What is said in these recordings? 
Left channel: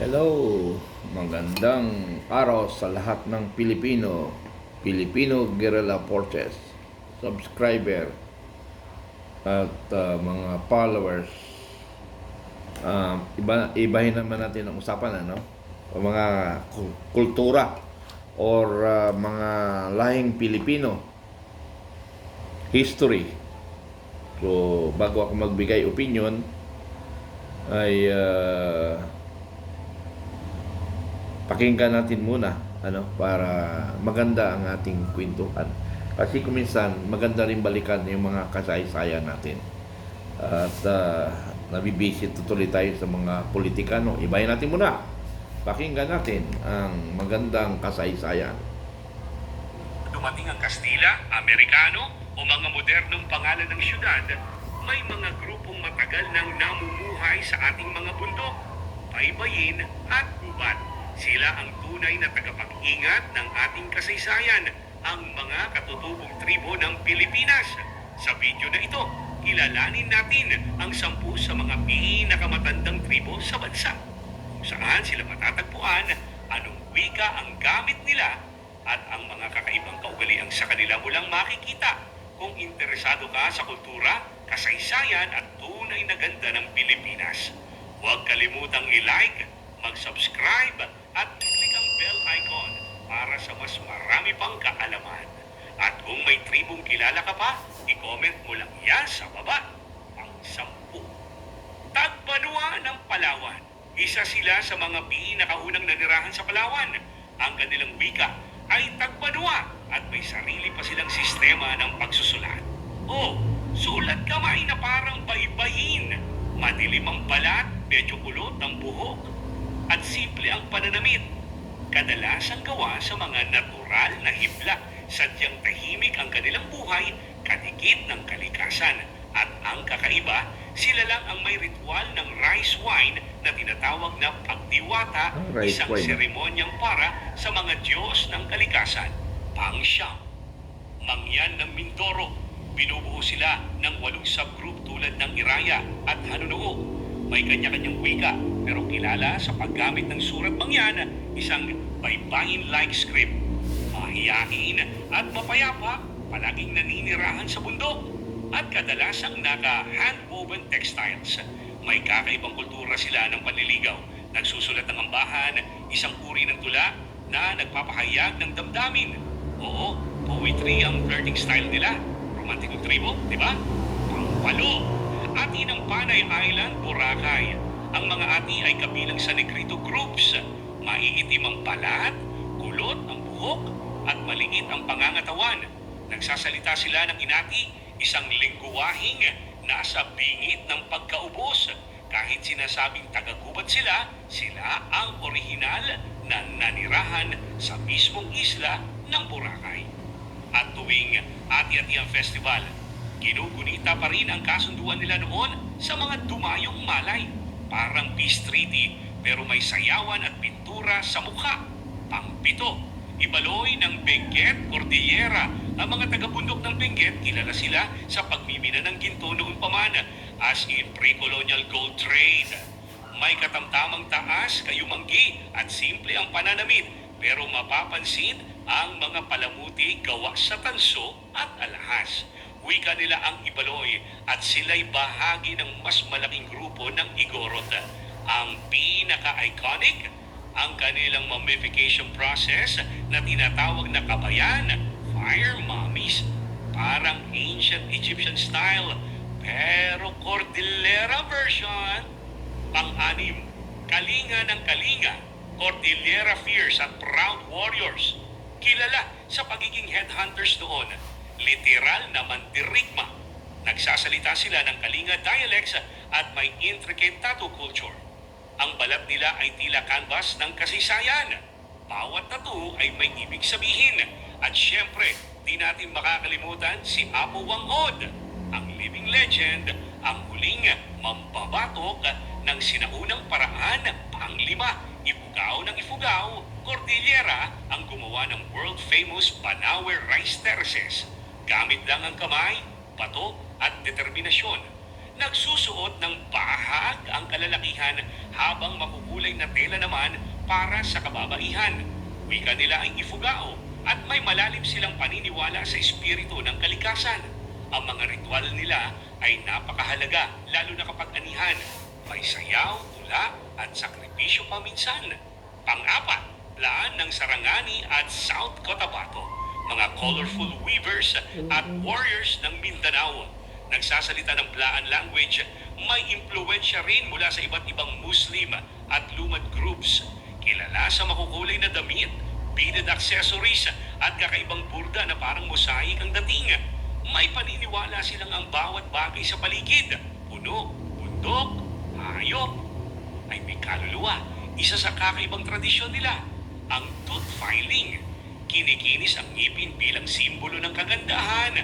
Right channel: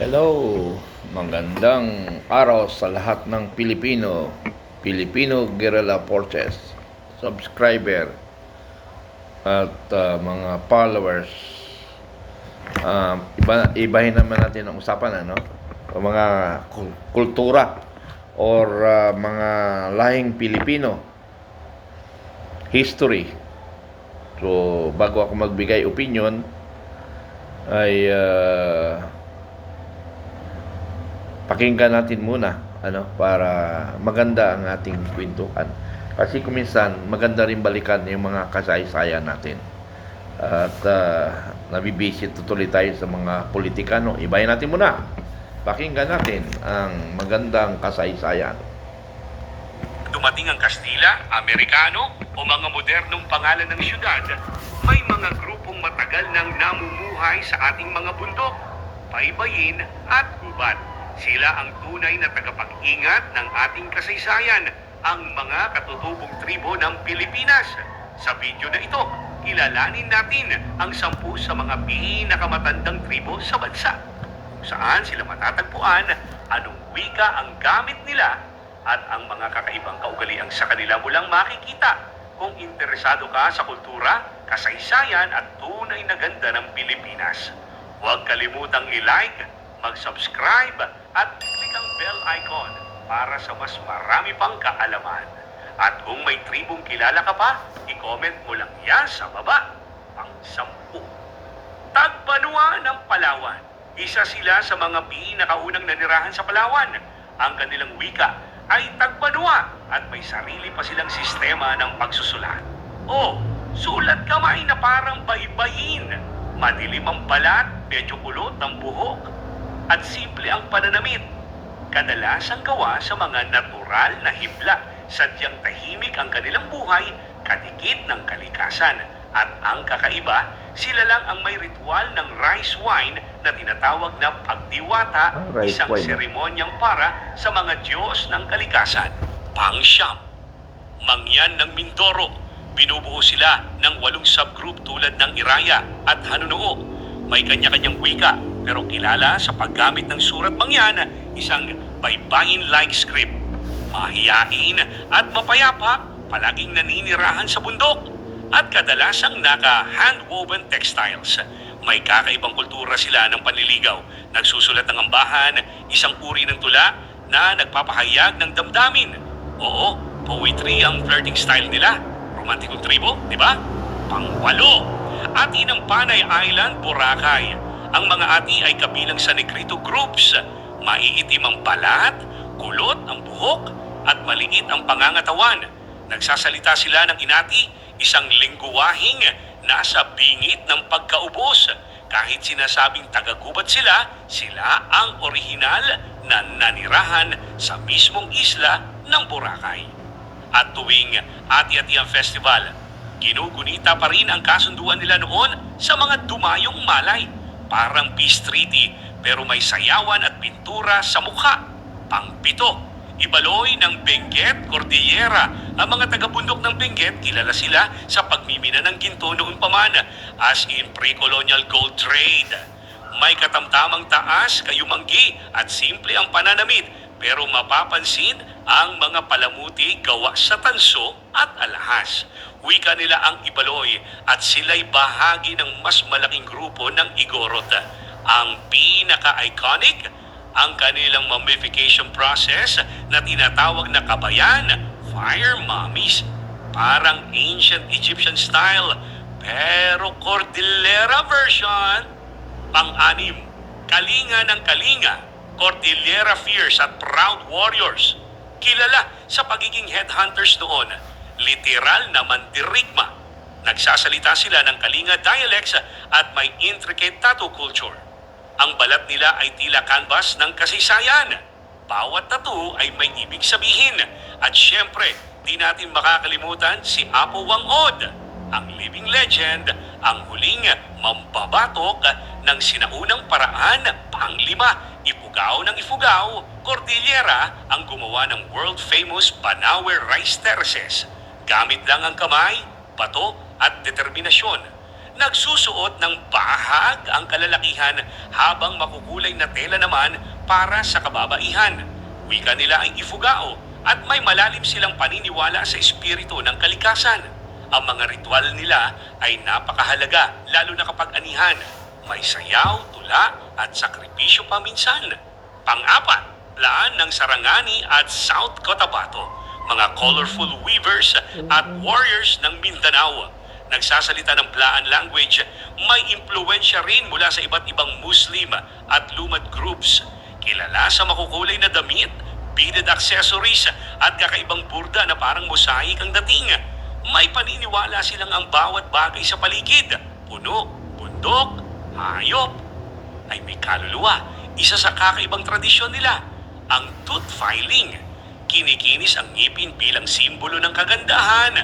Hello, magandang araw sa lahat ng Pilipino, Filipino Guerrilla Forces, subscriber at uh, mga followers. Um, iba, ibahin naman natin ang usapan ano? O mga kul- kultura or uh, mga lahing Pilipino history. So, bago ako magbigay opinion ay uh, pakinggan natin muna ano para maganda ang ating kwentuhan. Kasi kuminsan maganda rin balikan yung mga kasaysayan natin. At uh, nabibisit tuloy tayo sa mga politikano. Ibahin natin muna. Pakinggan natin ang magandang kasaysayan. Dumating ang Kastila, Amerikano o mga modernong pangalan ng syudad, may mga grupong matagal nang namumuhay sa ating mga bundok, baybayin at gubat. Sila ang tunay na tagapag-ingat ng ating kasaysayan, ang mga katutubong tribo ng Pilipinas. Sa video na ito, kilalanin natin ang sampu sa mga pinakamatandang tribo sa bansa. Kung saan sila matatagpuan, anong wika ang gamit nila at ang mga kakaibang kaugalian sa kanila mo lang makikita kung interesado ka sa kultura, kasaysayan at tunay na ganda ng Pilipinas. Huwag kalimutang i-like, mag-subscribe at click ang bell icon para sa mas marami pang kaalaman. At kung may tribong kilala ka pa, i-comment mo lang yan sa baba. Pang sampu. Tagbanwa ng Palawan. Isa sila sa mga pinakaunang nanirahan sa Palawan. Ang kanilang wika ay tagbanwa at may sarili pa silang sistema ng pagsusulat. O, sulat kamay na parang baybayin. Madilim ang balat, medyo kulot ang buhok. At simple ang pananamit. Kadalasang gawa sa mga natural na hibla. Sadyang tahimik ang kanilang buhay, kadikit ng kalikasan. At ang kakaiba, sila lang ang may ritual ng rice wine na tinatawag na pagdiwata, Ah, isang wine. seremonyang para sa mga Diyos ng kalikasan. Pangsyam, Mangyan ng Mindoro, binubuo sila ng walong subgroup tulad ng Iraya at Hanunuo. May kanya-kanyang wika, pero kilala sa paggamit ng surat mangyan, isang baybayin-like script. Mahiyain at mapayapa, palaging naninirahan sa bundok at kadalasang naka-handwoven textiles. May kakaibang kultura sila ng panliligaw. Nagsusulat ng ambahan, isang uri ng tula na nagpapahayag ng damdamin. Oo, poetry ang flirting style nila. Romantikong tribo, di ba? Pangwalo. Ati ng Panay Island, Boracay. Ang mga ati ay kabilang sa Negrito groups. Maiitim ang balat, kulot ang buhok, at maliit ang pangangatawan. Nagsasalita sila ng inati, isang lingguwahing nasa bingit ng pagkaubos. Kahit sinasabing tagagubat sila, sila ang orihinal na nanirahan sa mismong isla ng Boracay. At tuwing Ati-Atian Festival, ginugunita pa rin ang kasunduan nila noon sa mga dumayong malay. Parang peace treaty pero may sayawan at pintura sa mukha. Pangpito, Ibaloy ng Benguet, Cordillera. Ang mga taga-bundok ng Benguet, kilala sila sa pagmimina ng ginto noon pa man, as in pre-colonial gold trade. May katamtamang taas, kayumanggi at simple ang pananamit, pero mapapansin ang mga palamuti gawa sa tanso at alahas. Wika nila ang Ibaloy at sila'y bahagi ng mas malaking grupo ng Igorot. Ang pinaka-iconic, ang kanilang mummification process na tinatawag na kabayan, fire mummies, parang ancient Egyptian style, pero Cordillera version. Pang-anim, Kalinga ng Kalinga, Cordillera Fierce at Proud Warriors. Kilala sa pagiging headhunters noon, literal na mandirigma. Nagsasalita sila ng Kalinga dialects at may intricate tattoo culture. Ang balat nila ay tila canvas ng kasaysayan. Bawat tattoo ay may ibig sabihin. At syempre, di natin makakalimutan si Apo Wangod, ang living legend, ang huling mambabatok ng sinaunang paraan panglima, Ifugao ng Ifugao, Cordillera ang gumawa ng world-famous Banawe Rice Terraces. Gamit lang ang kamay, bato at determinasyon Nagsusuot ng bahag ang kalalakihan habang makukulay na tela naman para sa kababaihan. Wika nila ay ifugao at may malalim silang paniniwala sa espiritu ng kalikasan. Ang mga ritual nila ay napakahalaga lalo na kapag anihan. May sayaw, tula at sakripisyo pa minsan. Pang-apat, laan ng Sarangani at South Cotabato, mga colorful weavers at warriors ng Mindanao. Nagsasalita ng Blaan language, may impluensya rin mula sa iba't ibang Muslim at lumad groups. Kilala sa makukulay na damit, beaded accessories at kakaibang burda na parang mosaic ang dating. May paniniwala silang ang bawat bagay sa paligid, puno, bundok, hayop, ay may kaluluwa. Isa sa kakaibang tradisyon nila, ang tooth filing. Kinikinis ang ngipin bilang simbolo ng kagandahan.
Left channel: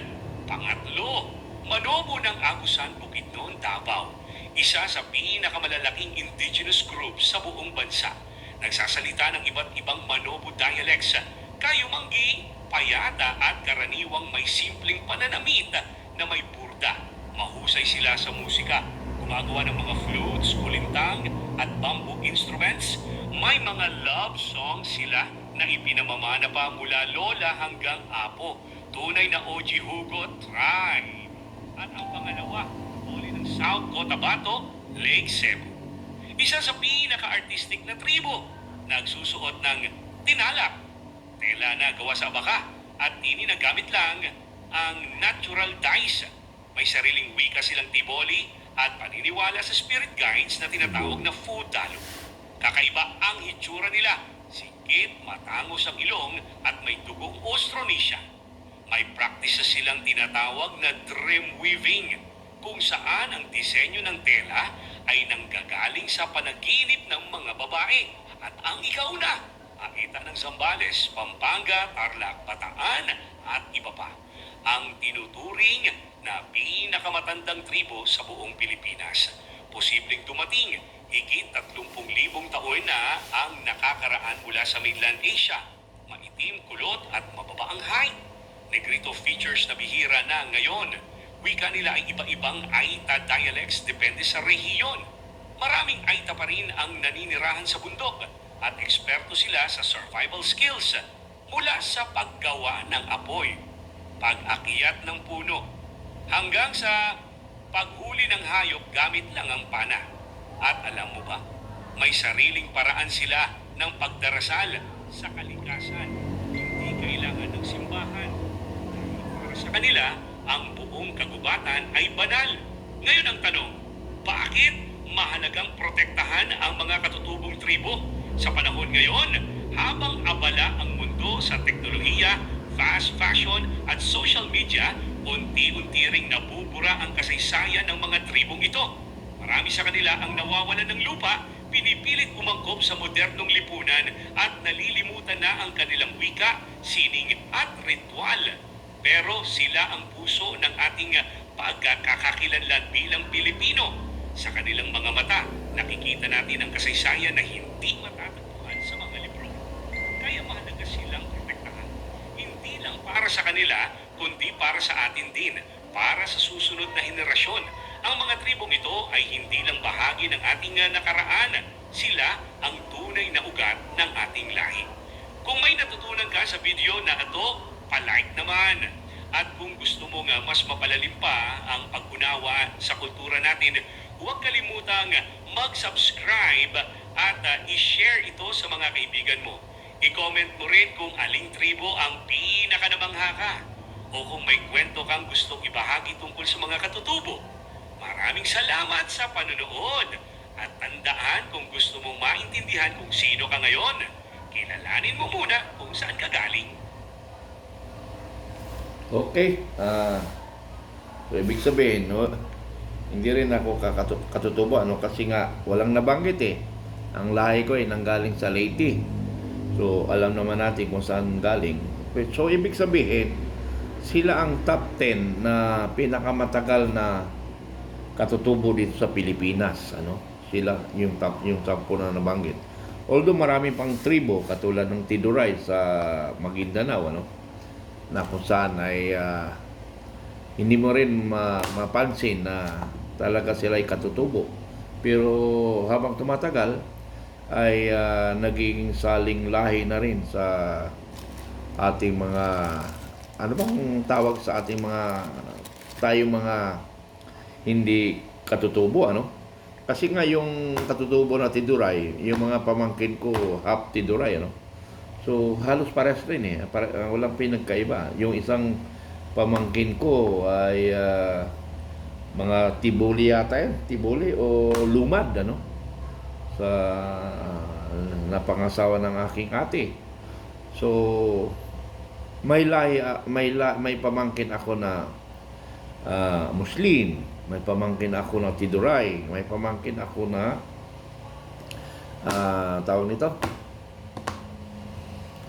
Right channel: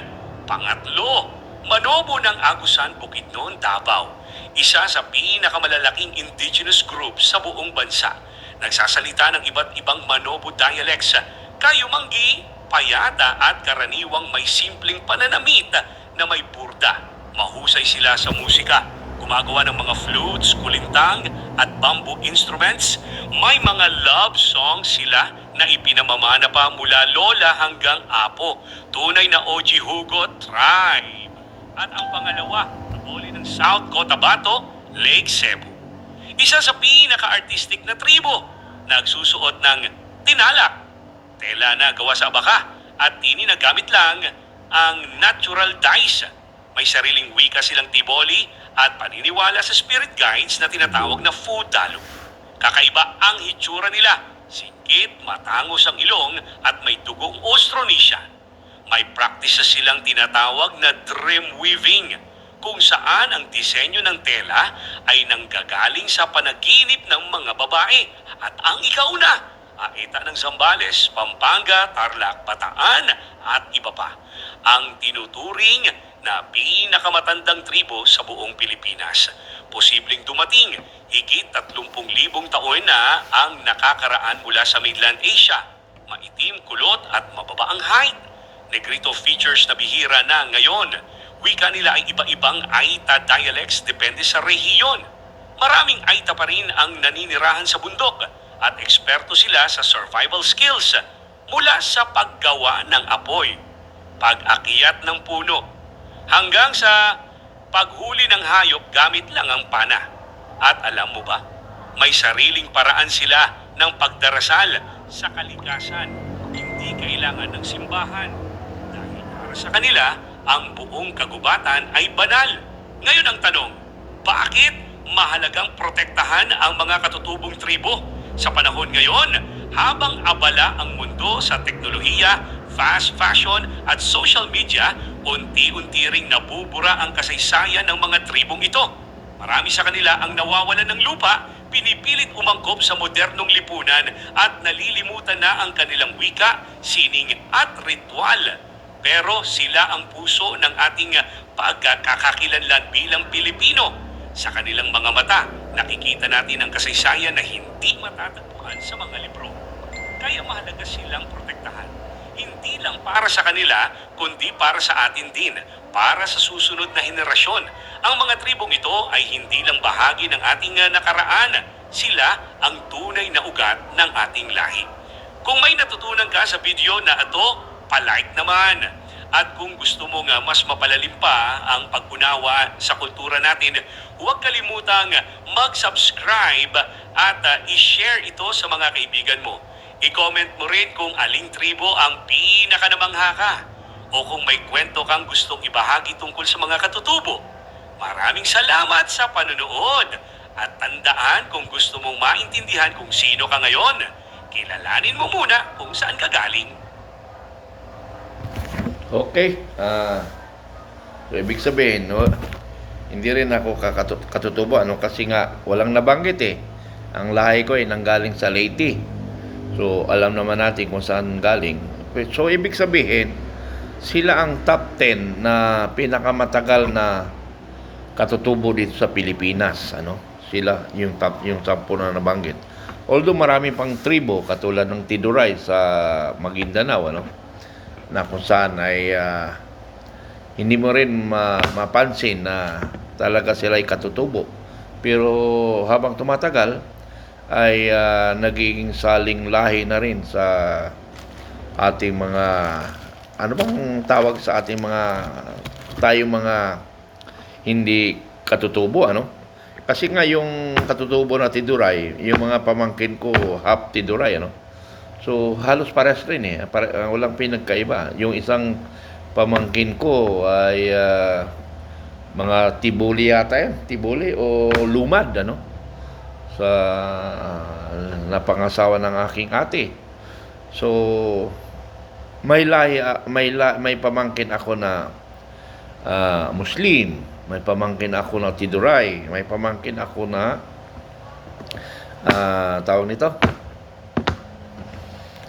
Pangatlo, Manobo ng Agusan Bukidnon, Davao. Isa sa pinakamalalaking indigenous group sa buong bansa. Nagsasalita ng iba't ibang Manobo dialects, Kayumanggi, Payata at karaniwang may simpleng pananamit na may burda. Mahusay sila sa musika. Gumagawa ng mga flutes, kulintang at bamboo instruments. May mga love songs sila na ipinamamana pa mula lola hanggang apo. Tunay na OG Hugot Tribe. At ang pangalawa, taboli ng South Cotabato, Lake Cebu. Isa sa pinaka-artistic na tribo, nagsusuot ng tinalak, tela na gawa sa baka, at tini lang ang natural dyes. May sariling wika silang tiboli at paniniwala sa spirit guides na tinatawag na Fudalo. Kakaiba ang hitsura nila, sikit, matangos ang ilong at may dugong Austronesian. May practices silang tinatawag na dream weaving kung saan ang disenyo ng tela ay nanggagaling sa panaginip ng mga babae at ang ikauna, akita ng Zambales, Pampanga, Tarlac, Bataan at iba pa. Ang tinuturing na pinakamatandang tribo sa buong Pilipinas. Posibleng dumating higit 30,000 taon na ang nakakaraan mula sa mainland Asia. Maitim, kulot at mababa ang height. Negrito features na bihira na ngayon. Wika nila ay iba-ibang Aita dialects depende sa rehiyon. Maraming Aita pa rin ang naninirahan sa bundok at eksperto sila sa survival skills mula sa paggawa ng apoy, pag-akyat ng puno, hanggang sa paghuli ng hayop gamit lang ang pana. At alam mo ba, may sariling paraan sila ng pagdarasal sa kalikasan. Hindi kailangan ng simbahan. Dahil para sa kanila, ang buong kagubatan ay banal. Ngayon ang tanong, bakit mahalagang protektahan ang mga katutubong tribo? Sa panahon ngayon, habang abala ang mundo sa teknolohiya, fast fashion at social media, unti-unti ring nabubura ang kasaysayan ng mga tribong ito. Marami sa kanila ang nawawalan ng lupa, pinipilit umangkop sa modernong lipunan at nalilimutan na ang kanilang wika, sining at ritual. Pero sila ang puso ng ating pagkakakilanlan bilang Pilipino. Sa kanilang mga mata, nakikita natin ang kasaysayan na hindi matatagpuan sa mga libro. Kaya mahalaga silang protektahan. Hindi lang para sa kanila, kundi para sa atin din, para sa susunod na henerasyon. Ang mga tribong ito ay hindi lang bahagi ng ating uh, nakaraan. Sila ang tunay na ugat ng ating lahi. Kung may natutunan ka sa video na ito, palike naman. At kung gusto mo nga mas mapalalim pa ang pag-unawa sa kultura natin, huwag kalimutang mag-subscribe at uh, i-share ito sa mga kaibigan mo. I-comment mo rin kung aling tribo ang pinakanamangha ka o kung may kwento kang gustong ibahagi tungkol sa mga katutubo. Maraming salamat sa panonood at tandaan kung gusto mong maintindihan kung sino ka ngayon, kilalanin mo muna kung saan ka galing. Okay. ah so, ibig sabihin, no, hindi rin ako kakatu- katutubo. Ano, kasi nga, walang nabanggit eh. Ang lahi ko ay nanggaling sa Leyte. So, alam naman natin kung saan galing. So, ibig sabihin, sila ang top 10 na pinakamatagal na katutubo dito sa Pilipinas. Ano? Sila yung top, yung top na nabanggit. Although marami pang tribo katulad ng Tiduray sa Maguindanao, ano? na kung saan ay ah, hindi mo rin ma- mapansin na talaga sila ay katutubo. Pero habang tumatagal, ay ah, nagiging saling lahi na rin sa ating mga ano bang tawag sa ating mga tayong mga hindi katutubo ano? Kasi nga yung katutubo na tiduray yung mga pamangkin ko half tiduray ano? So halos pares rin eh. Pare, ah, walang pinagkaiba. Yung isang pamangkin ko ay ah, mga tibuli yata yan. Tibuli o lumad ano sa napangasawa ng aking ate. So may lahi, ah, may la, may pamangkin ako na ah, Muslim, may pamangkin ako na Tiduray, may pamangkin ako na ah, tawag nito?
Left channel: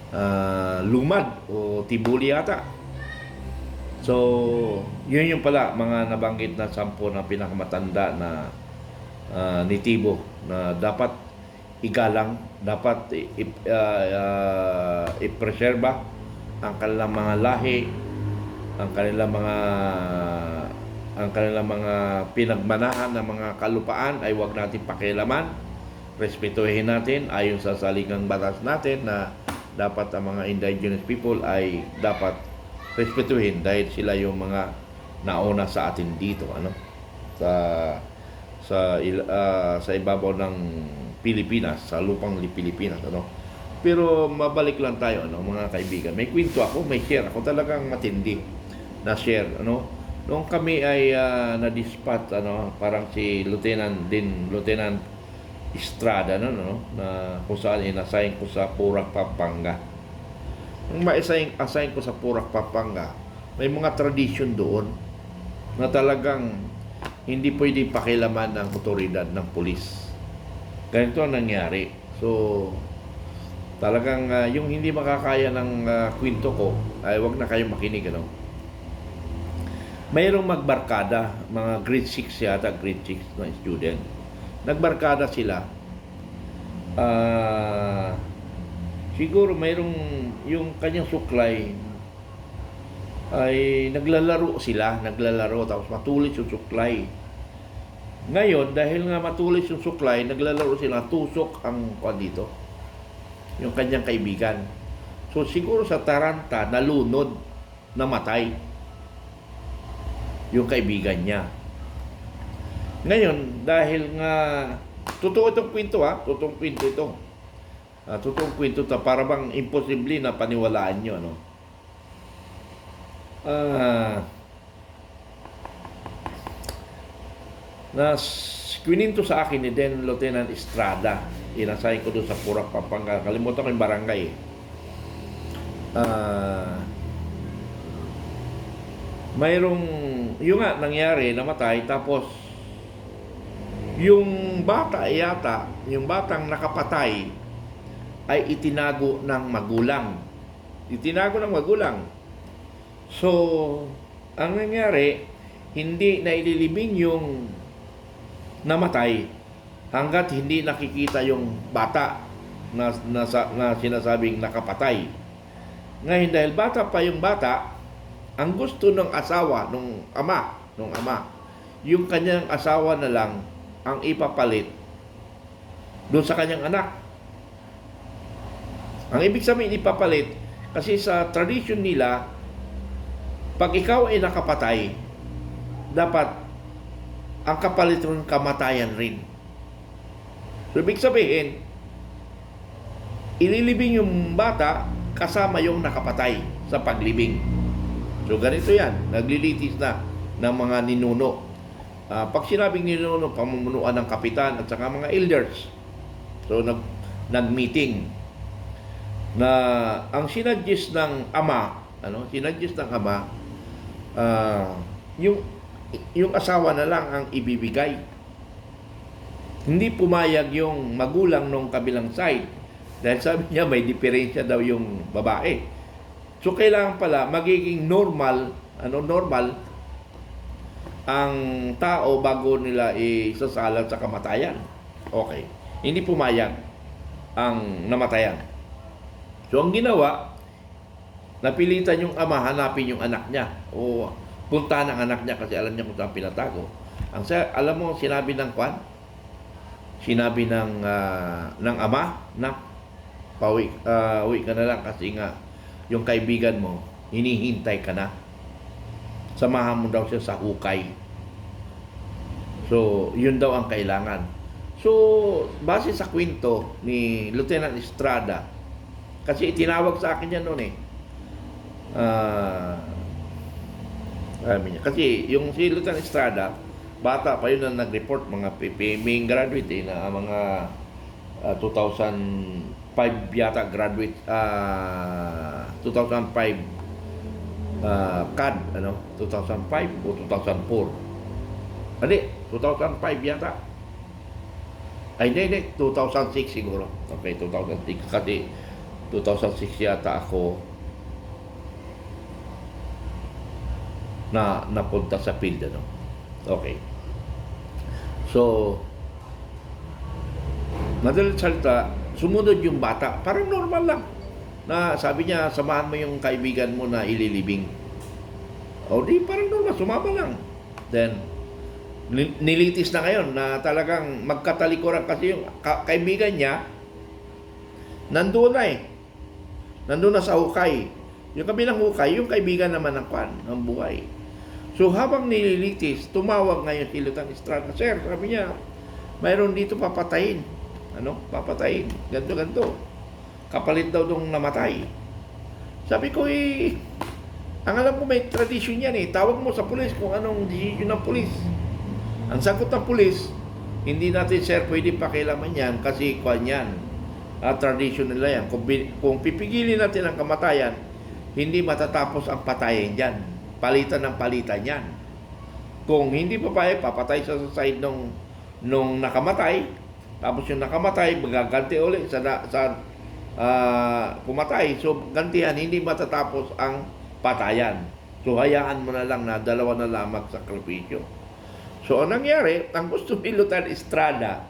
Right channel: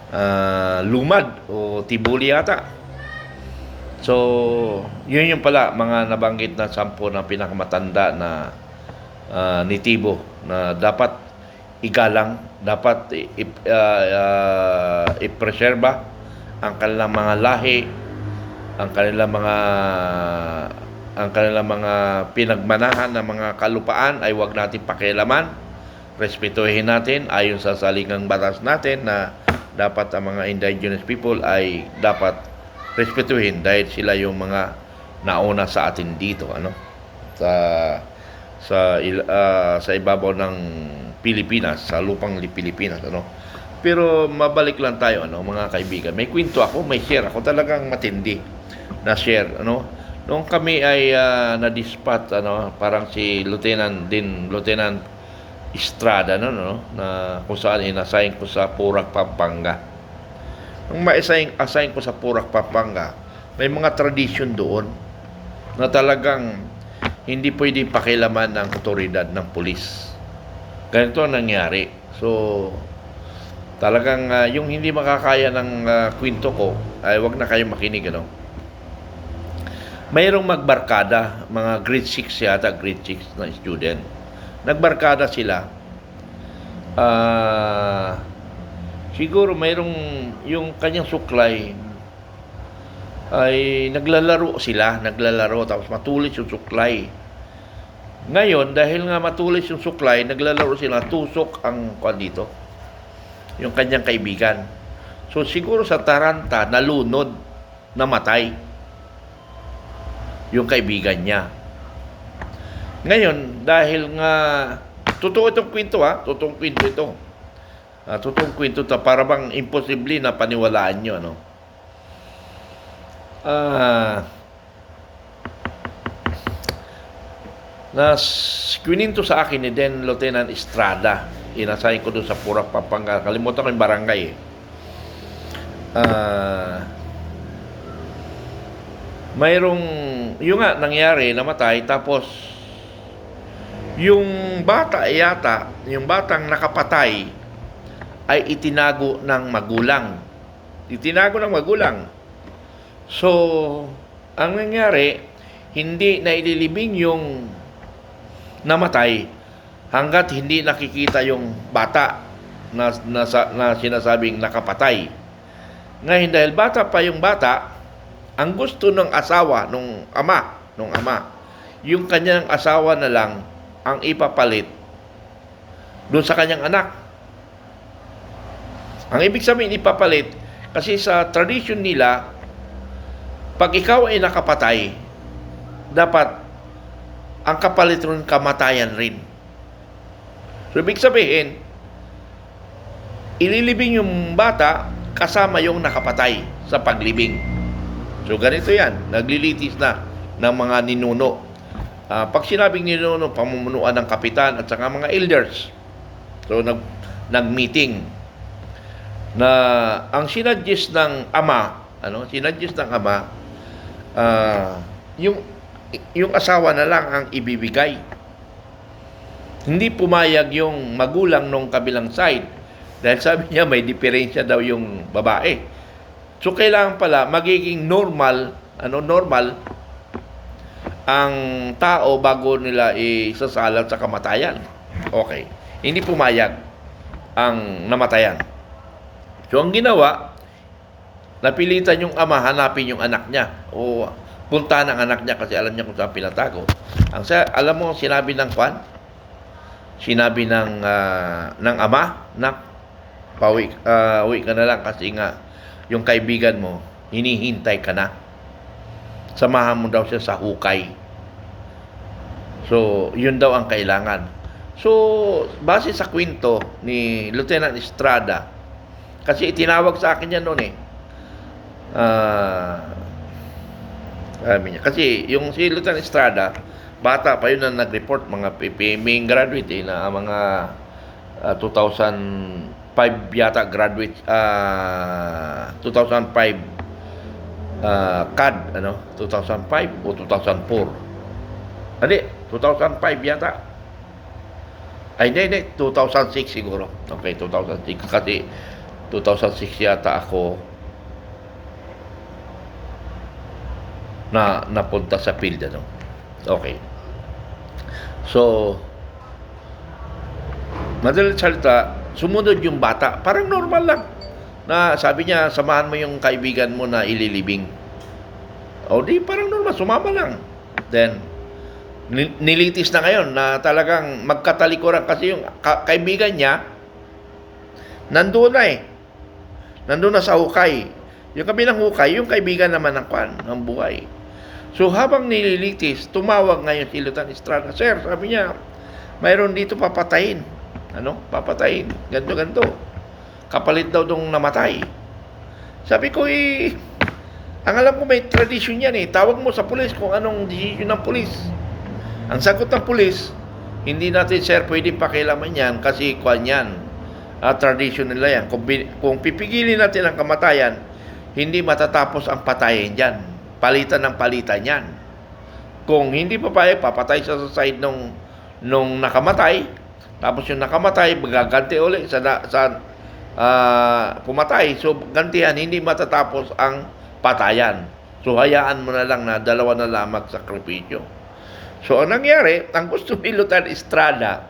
Ah, Lumad o Tibuli yata. So, yun yung pala mga nabanggit na sampo na pinakamatanda na ah, nitibo na dapat igalang, dapat i- i- ah, ah, ipreserba ang kanilang mga lahi, ang kanilang mga ang kanilang mga pinagmanahan ng mga kalupaan ay wag natin pakialaman. Respetuhin natin ayon sa saligang batas natin na dapat ang mga indigenous people ay dapat respetuhin dahil sila yung mga nauna sa atin dito ano sa sa ah, sa ibabaw ng Pilipinas, sa lupang li- Pilipinas ano. Pero mabalik lang tayo ano mga kaibigan. May kwento ako, may share ako talagang matindi na share ano. Noong kami ay ah, na-dispatch ano, parang si Lieutenant din Lieutenant Estrada no, no na kung saan inassign ko sa Purak Pampanga. Nung ma-assign assign ko sa Purak Pampanga, may mga tradition doon na talagang hindi pwede pakilaman ng otoridad ng pulis. Ganito ang nangyari. So, talagang ah, yung hindi makakaya ng ah, kwento ko, ay wag na kayo makinig. Ano? Mayroong magbarkada, mga grade 6 yata, grade 6 na student. Nagbarkada sila. Ah, siguro mayroong yung kanyang suklay ay naglalaro sila, naglalaro tapos matulis yung suklay. Ngayon, dahil nga matulis yung suklay, naglalaro sila, tusok ang kwan dito. Yung kanyang kaibigan. So siguro sa Taranta, nalunod, namatay yung kaibigan niya. Ngayon, dahil nga, totoo itong kwento ha, totoong kwento ito. Ah, totoong kwento ito, para bang imposible na paniwalaan nyo, ano. Ah, na kininto sa akin ni Den Lieutenant Estrada. Inasahin ko doon sa Purak, Pampanga. Kalimutan ko yung barangay eh. Ah, mayroong, yung nga, nangyari, namatay, tapos, yung bata yata, yung batang nakapatay, ay itinago ng magulang. Itinago ng magulang. So, ang nangyari, hindi na ililibing yung namatay hanggat hindi nakikita yung bata na, na, na sinasabing nakapatay. Ngayon dahil bata pa yung bata, ang gusto ng asawa, nung ama, nung ama, yung kanyang asawa na lang ang ipapalit doon sa kanyang anak. Ang ibig sabihin ipapalit, kasi sa tradition nila, pag ikaw ay nakapatay, dapat ang kapalit rin kamatayan rin. So, ibig sabihin, ililibing yung bata kasama yung nakapatay sa paglibing. So, ganito yan. Naglilitis na ng mga ninuno. Ah, pag sinabing ninuno, pamumunuan ng kapitan at saka mga elders. So, nag, nag-meeting na ang sinadjust ng ama, ano, sinadjust ng ama, ah, yung yung asawa na lang ang ibibigay. Hindi pumayag yung magulang nung kabilang side dahil sabi niya may diferensya daw yung babae. So kailangan pala magiging normal, ano normal ang tao bago nila isasalat sa kamatayan. Okay. Hindi pumayag ang namatayan. So ang ginawa, napilitan yung ama hanapin yung anak niya. O punta ng anak niya kasi alam niya kung saan pinatago. Ang sa, alam mo, sinabi ng kwan, sinabi ng ah, ng ama, nak, pauwi, ah, uwi ka na lang kasi nga yung kaibigan mo, hinihintay ka na. Samahan mo daw siya sa hukay. So, yun daw ang kailangan. So, base sa kwento ni Lieutenant Estrada, kasi itinawag sa akin yan noon eh. Ah, sabi niya. Kasi yung si Lieutenant Estrada, bata pa yun na nag-report, mga PPMing graduate eh, na mga ah, 2005 yata graduate, ah 2005 ah, CAD, ano, 2005 o 2004. Hindi, 2005 yata. Ay, hindi, hindi, 2006 siguro. Okay, 2006. Kasi 2006 yata ako na napunta sa field ano. Okay. So madalit salita, sumunod yung bata. Parang normal lang. Na sabi niya, samahan mo yung kaibigan mo na ililibing. O di, parang normal, sumama lang. Then, ni- nilitis na ngayon na talagang magkatalikuran kasi yung ka- kaibigan niya, nandoon na eh. Nandoon na sa hukay. Yung kabilang hukay, yung kaibigan naman ng kwan, ng buhay. So habang nililitis, tumawag ngayon si Lieutenant Estrada. Sir, sabi niya, mayroon dito papatayin. Ano? Papatayin. Ganto, ganto. Kapalit daw dong namatay. Sabi ko, eh, ang alam ko may tradisyon yan eh. Tawag mo sa pulis kung anong decision ng pulis. Ang sagot ng pulis, hindi natin sir pwede pakialaman yan kasi kwan yan. Ah, tradition nila yan. Kung, kung pipigilin natin ang kamatayan, hindi matatapos ang patayin dyan. Palitan ng palitan yan. Kung hindi papayag, papatay siya sa side nung, nung nakamatay. Tapos yung nakamatay, magaganti ulit sa, sa ah, pumatay. So, gantihan, hindi matatapos ang patayan. So, hayaan mo na lang na dalawa na lamang sakripisyo. So, ang nangyari, ang gusto ni Lieutenant Estrada,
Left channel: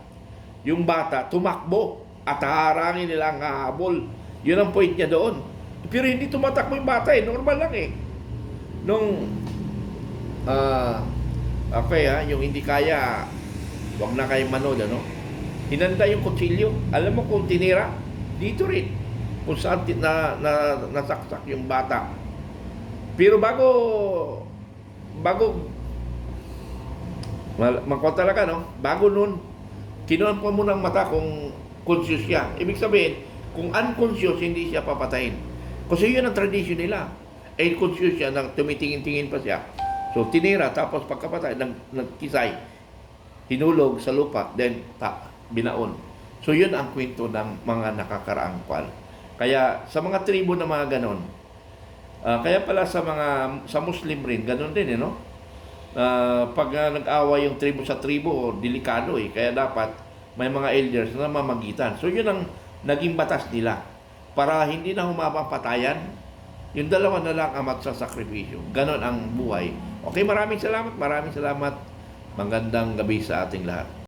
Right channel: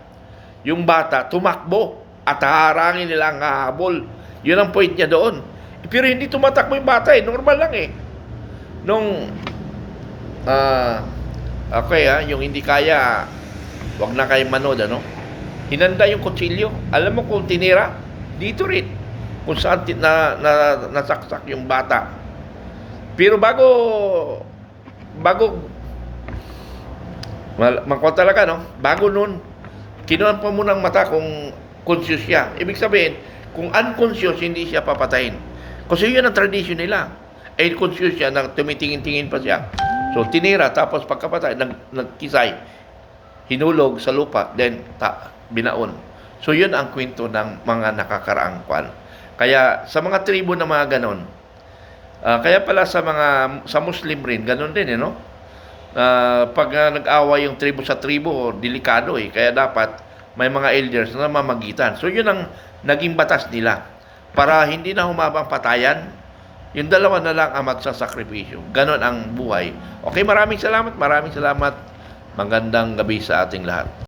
yung bata, tumakbo at haharangin nila ang hahabol. Yun ang point niya doon. Pero hindi tumatakbo yung bata eh. Normal lang eh. Nung, ah, okay ha, yung hindi kaya, wag na kayo manood, ano? Hinanda yung kutsilyo. Alam mo kung tinira? Dito rin. Kung saan na, na, nasaksak yung bata. Pero bago, bago mangkot talaga, no? Bago nun, kinuhan pa mo ng mata kung conscious siya. Ibig sabihin, kung unconscious, hindi siya papatayin. Kasi yun ang tradition nila. Eh, conscious siya, na tumitingin-tingin pa siya. So, tinira, tapos pagkapatay, nag, nagkisay, hinulog sa lupa, then ta, binaon. So, yun ang kwento ng mga nakakaraang kwan. Kaya, sa mga tribo na mga ganon, ah, kaya pala sa mga, sa Muslim rin, ganon din, eh, no? Ah, pag ah, nag-away yung tribo sa tribo, delikado eh. Kaya dapat may mga elders na mamagitan. So yun ang naging batas nila. Para hindi na humabang patayan, yung dalawa na lang ang magsasakripisyo. Ganon ang buhay. Okay, maraming salamat, maraming salamat. Magandang gabi sa ating lahat.